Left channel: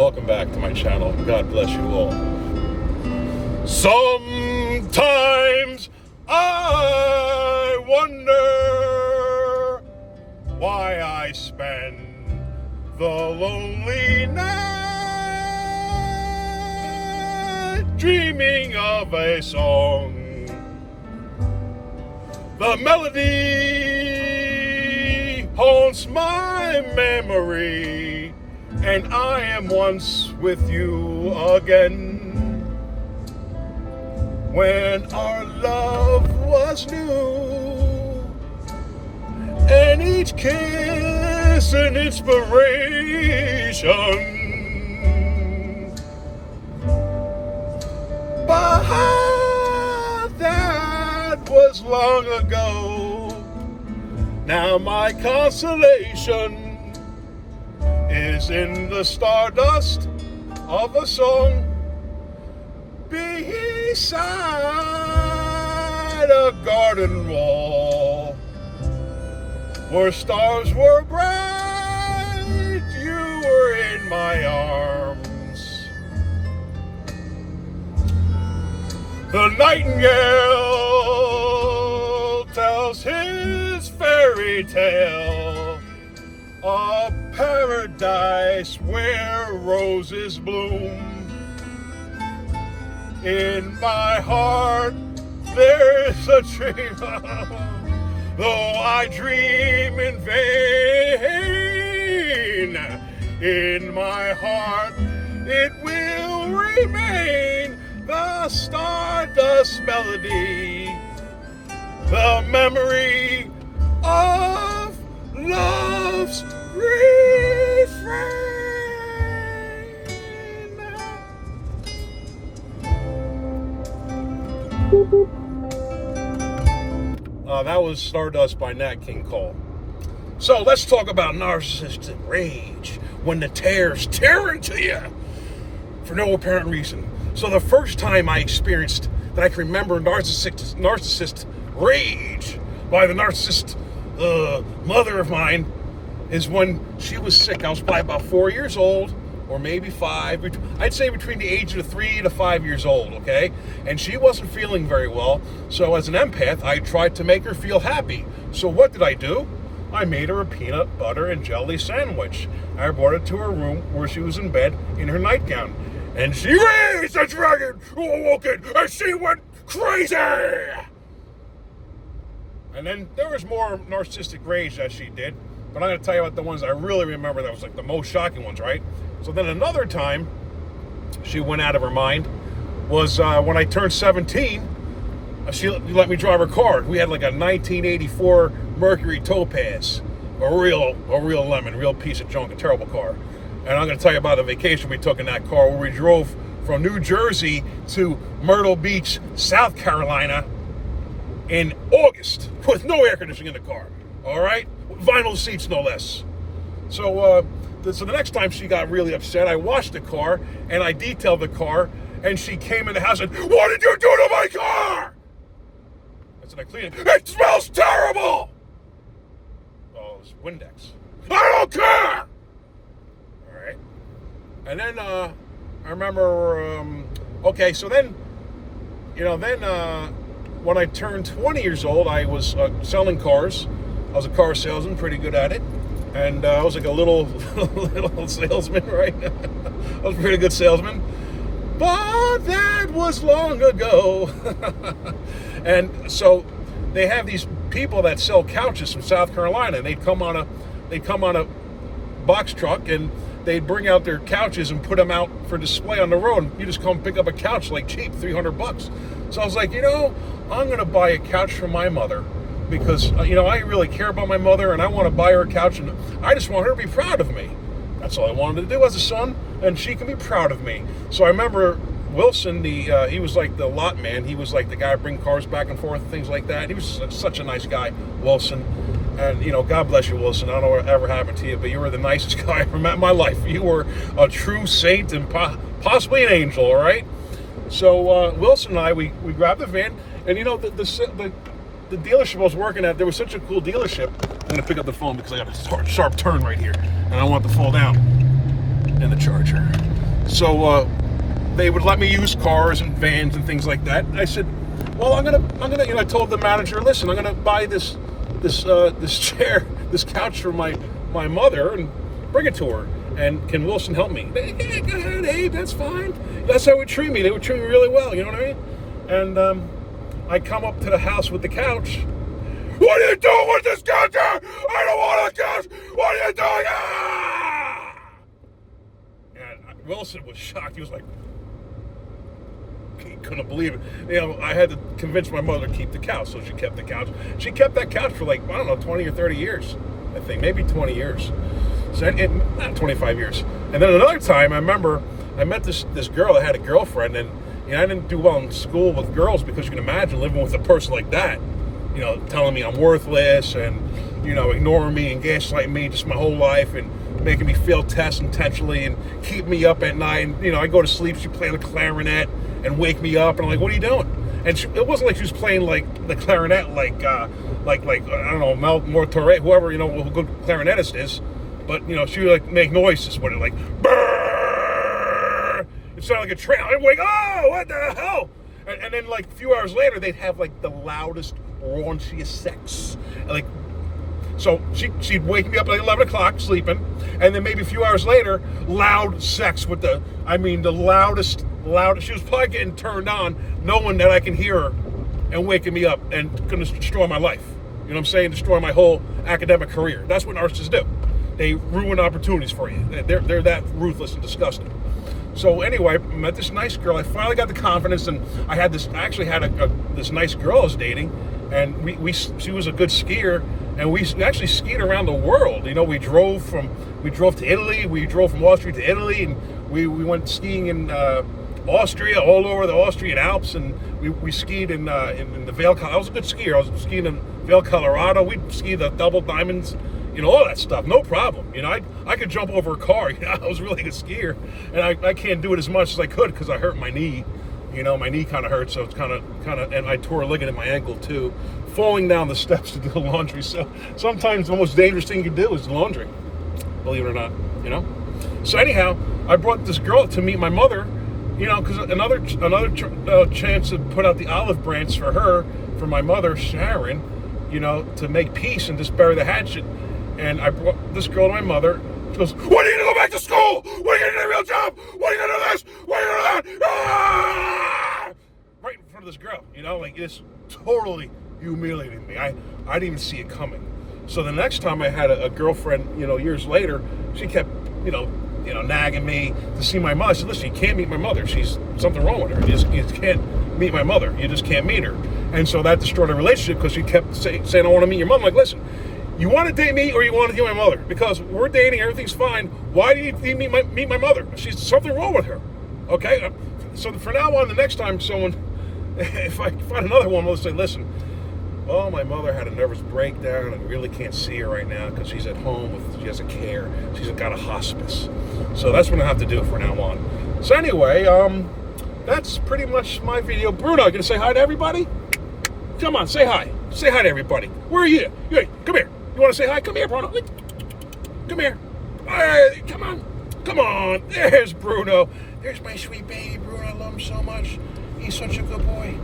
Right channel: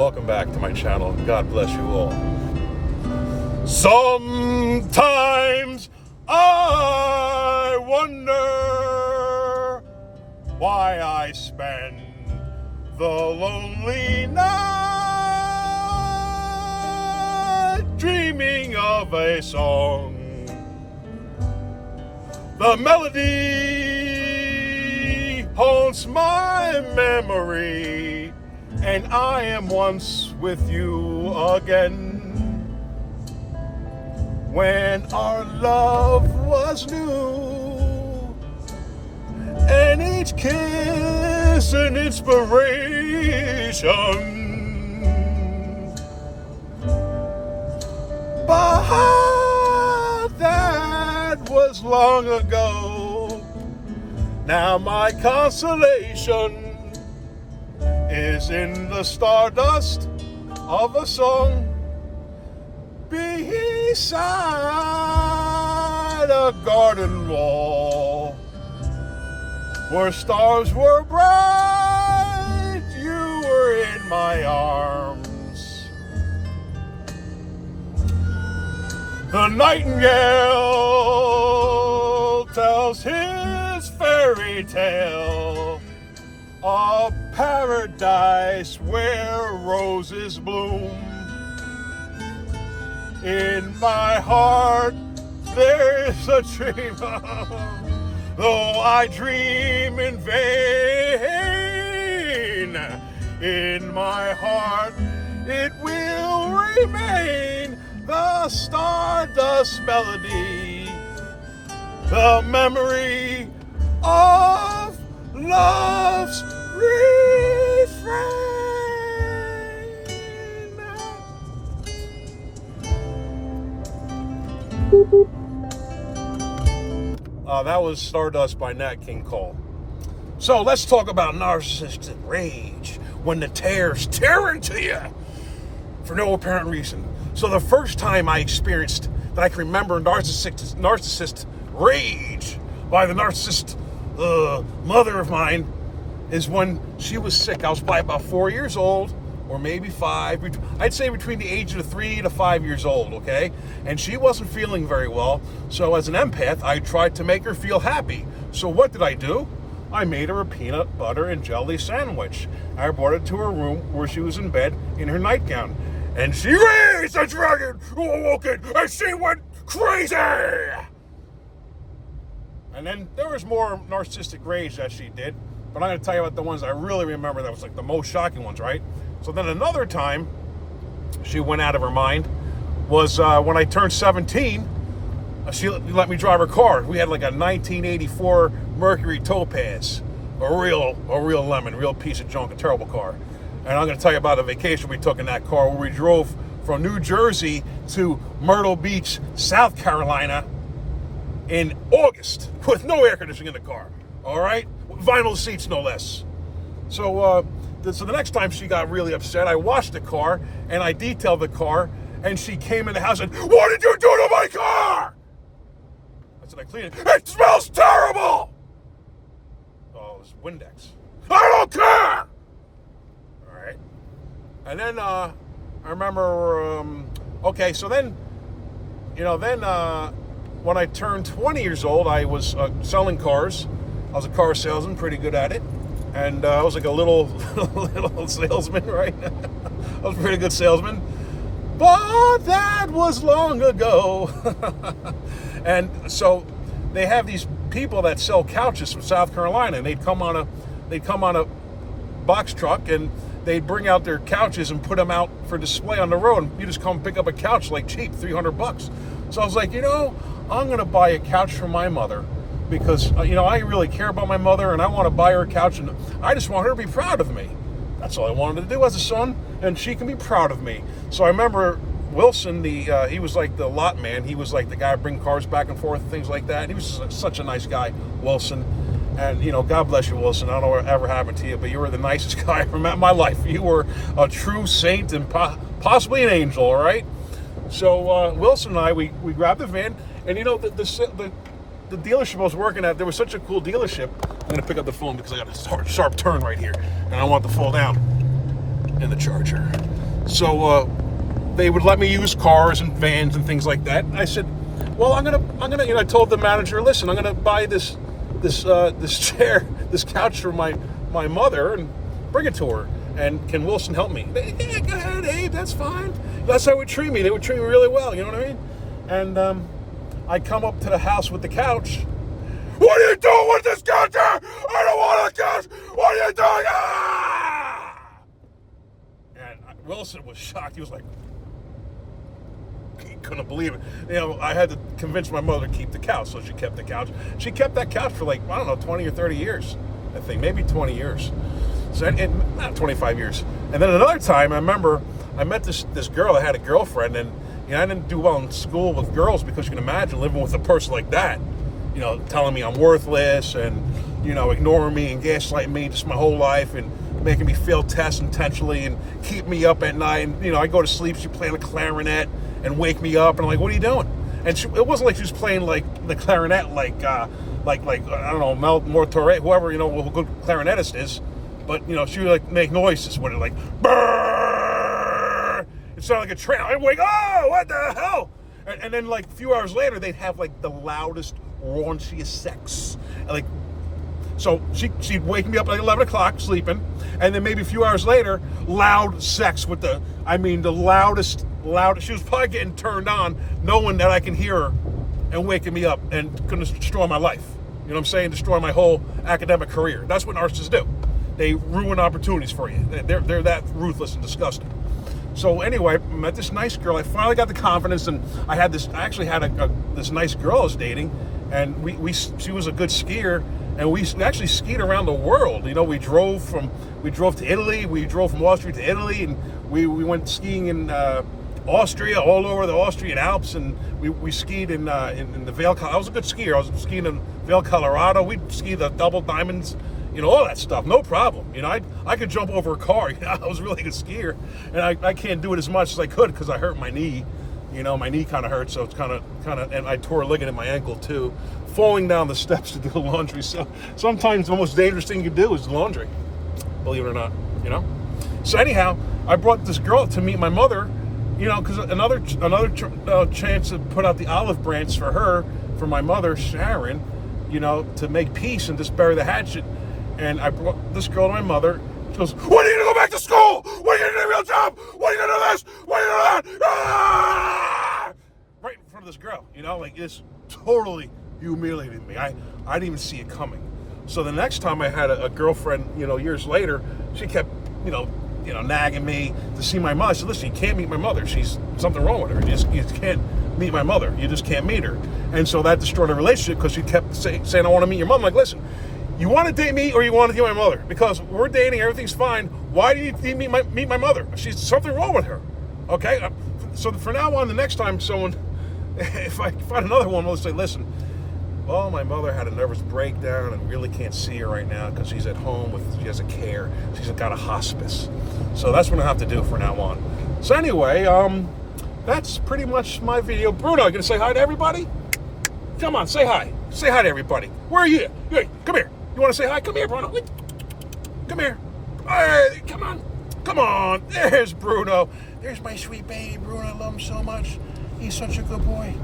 Welcome back to my channel. God bless you all. Sometimes I wonder why I spend the lonely night dreaming of a song. The melody haunts my memory, and I am once with you again. When our love was new, and each kiss an inspiration. But that was long ago. Now my consolation is in the stardust of a song beside a garden wall where stars were bright. You were in my arms. The nightingale tells his fairy tale, a paradise where roses bloom. In my heart there's a dream, though I dream in vain. In my heart it will remain the stardust melody, the memory of love's refrain. That was Stardust by Nat King Cole. So let's talk about narcissistic rage, when the tears tear into you for no apparent reason. So the first time I experienced that I can remember narcissist rage by the narcissist mother of mine is when she was sick. I was probably about 4 years old, or maybe 5. I'd say between the age of 3 to 5 years old, okay? And she wasn't feeling very well. So as an empath, I tried to make her feel happy. So what did I do? I made her a peanut butter and jelly sandwich. I brought it to her room where she was in bed in her nightgown. And she raised a dragon who awoke it, and she went crazy! And then there was more narcissistic rage that she did, but I'm going to tell you about the ones I really remember that was like the most shocking ones, right? So then another time she went out of her mind was when I turned 17, she let me drive her car. We had like a 1984 Mercury Topaz, a real lemon, real piece of junk, a terrible car. And I'm going to tell you about a vacation we took in that car where we drove from New Jersey to Myrtle Beach, South Carolina in August with no air conditioning in the car, all right? Vinyl seats, no less. So the next time she got really upset, I washed the car and I detailed the car, and she came in the house and, "What did you do to my car?" I said, "I cleaned it." "It smells terrible!" Oh, it was Windex. "I don't care!" All right. And then I remember, okay, so then, when I turned 20 years old, I was selling cars. I was a car salesman, pretty good at it. And I was like a little salesman, right? I was a pretty good salesman. But that was long ago. And so they have these people that sell couches from South Carolina, and they'd come on a box truck, and they'd bring out their couches and put them out for display on the road. And you just come pick up a couch like cheap, $300. So I was like, I'm going to buy a couch for my mother, because, I really care about my mother, and I want to buy her a couch, and I just want her to be proud of me. That's all I wanted to do as a son, and she can be proud of me. So I remember Wilson, he was like the lot man. He was like the guy who bring cars back and forth, things like that. He was such a nice guy, Wilson. And, God bless you, Wilson. I don't know what ever happened to you, but you were the nicest guy I ever met in my life. You were a true saint and possibly an angel, all right? So Wilson and I, we grabbed the van, and, the dealership I was working at, there was such a cool dealership. I'm going to pick up the phone because I got a sharp turn right here, and I want to fall down. in the Charger. So they would let me use cars and vans and things like that. I said, well, I'm gonna, I told the manager, listen, I'm gonna buy this chair, this couch for my mother and bring it to her. And can Wilson help me? Yeah, go ahead, Abe, that's fine. That's how they would treat me. They would treat me really well, you know what I mean? And I come up to the house with the couch. What are you doing with this couch? I don't want a couch. What are you doing? Ah! And Wilson was shocked. He was like, he couldn't believe it. You know, I had to convince my mother to keep the couch, so she kept the couch. She kept that couch for like, I don't know, 20 or 30 years, I think, maybe 20 years. So not 25 years. And then another time, I remember I met this girl. I had a girlfriend, and you know, I didn't do well in school with girls because you can imagine living with a person like that. You know, telling me I'm worthless and, you know, ignoring me and gaslighting me just my whole life and making me fail tests intentionally and keep me up at night. And, you know, I go to sleep, she play the clarinet and wake me up. And I'm like, what are you doing? And it wasn't like she was playing like the clarinet like I don't know, Mel Mortorre, whoever, you know, who a good clarinetist is. But, you know, she would like make noises with it, like, brrr! It sounded like a train. I'm like, oh, what the hell? And then like a few hours later, they'd have like the loudest, raunchiest sex. And, like, so she'd wake me up at like 11 o'clock sleeping, and then maybe a few hours later, loud sex with the loudest. She was probably getting turned on, knowing that I can hear her and waking me up and going to destroy my life. You know what I'm saying? Destroy my whole academic career. That's what narcissists do. They ruin opportunities for you. They're that ruthless and disgusting. So anyway, I met this nice girl. I finally got the confidence, and I actually had this nice girl I was dating, and she was a good skier, and we actually skied around the world. You know, we drove to Italy. We drove from Austria to Italy, and we went skiing in Austria, all over the Austrian Alps, and we skied in the Vail. I was a good skier. I was skiing in Vail, Colorado. We'd ski the double diamonds, you know, all that stuff, no problem. You know, I could jump over a car. You know, I was a really good skier, and I can't do it as much as I could because I hurt my knee. You know, my knee kind of hurts, so it's kind of, and I tore a ligament in my ankle too, falling down the steps to do the laundry. So sometimes the most dangerous thing you can do is laundry, believe it or not. You know. So anyhow, I brought this girl to meet my mother. You know, because another chance to put out the olive branch for her, for my mother, Sharon, you know, to make peace and just bury the hatchet. And I brought this girl to my mother. She goes, when are you going to go back to school? When are you going to get a real job? When are you going to do this? When are you going to do that? Ah! Right in front of this girl, you know, like it's totally humiliating me. I didn't even see it coming. So the next time I had a girlfriend, you know, years later, she kept, you know, nagging me to see my mother. I said, listen, you can't meet my mother. She's something wrong with her. You just can't meet my mother. You just can't meet her. And so that destroyed the relationship because she kept saying, I want to meet your mother. I'm like, listen, you want to date me or you want to date my mother? Because we're dating, everything's fine. Why do you need to meet my mother? She's something wrong with her. Okay? So from now on, the next time someone, if I find another one, I'll say, listen, well, my mother had a nervous breakdown and really can't see her right now because she's at home she has a care. She's got a hospice. So that's what I have to do from now on. So anyway, that's pretty much my video. Bruno, you gonna say hi to everybody? Come on, say hi. Say hi to everybody. Where are you? Hey, come here. You want to say hi? Come here, Bruno. Come here. Hey, come on. Come on. There's Bruno. There's my sweet baby, Bruno. I love him so much. He's such a good boy.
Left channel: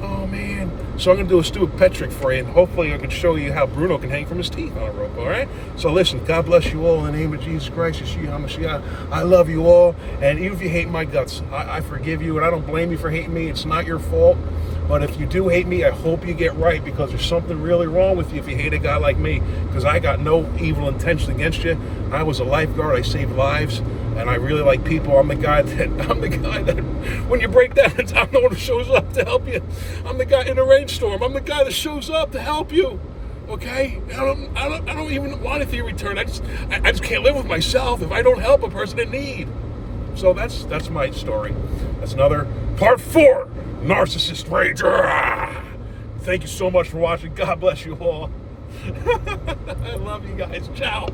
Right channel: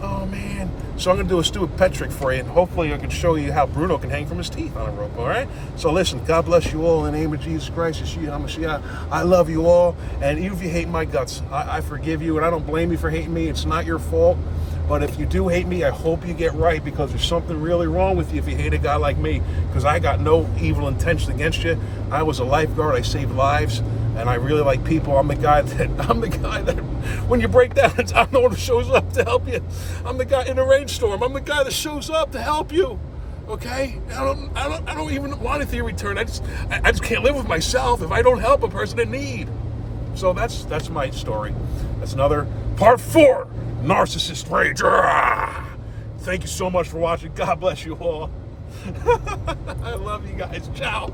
Oh, man. So I'm going to do a stupid pet trick for you, and hopefully I can show you how Bruno can hang from his teeth on a rope, all right? So listen, God bless you all in the name of Jesus Christ. Yeshua HaMashiach. I love you all, and even if you hate my guts, I forgive you, and I don't blame you for hating me. It's not your fault. But if you do hate me, I hope you get right, because there's something really wrong with you if you hate a guy like me, because I got no evil intention against you. I was a lifeguard. I saved lives. And I really like people. I'm the guy that when you break down, I'm the one who shows up to help you. I'm the guy in a rainstorm. I'm the guy that shows up to help you. Okay? I don't even want anything in return. I just can't live with myself if I don't help a person in need. So that's my story. That's another part 4, Narcissist Rage. Thank you so much for watching. God bless you all. I love you guys. Ciao.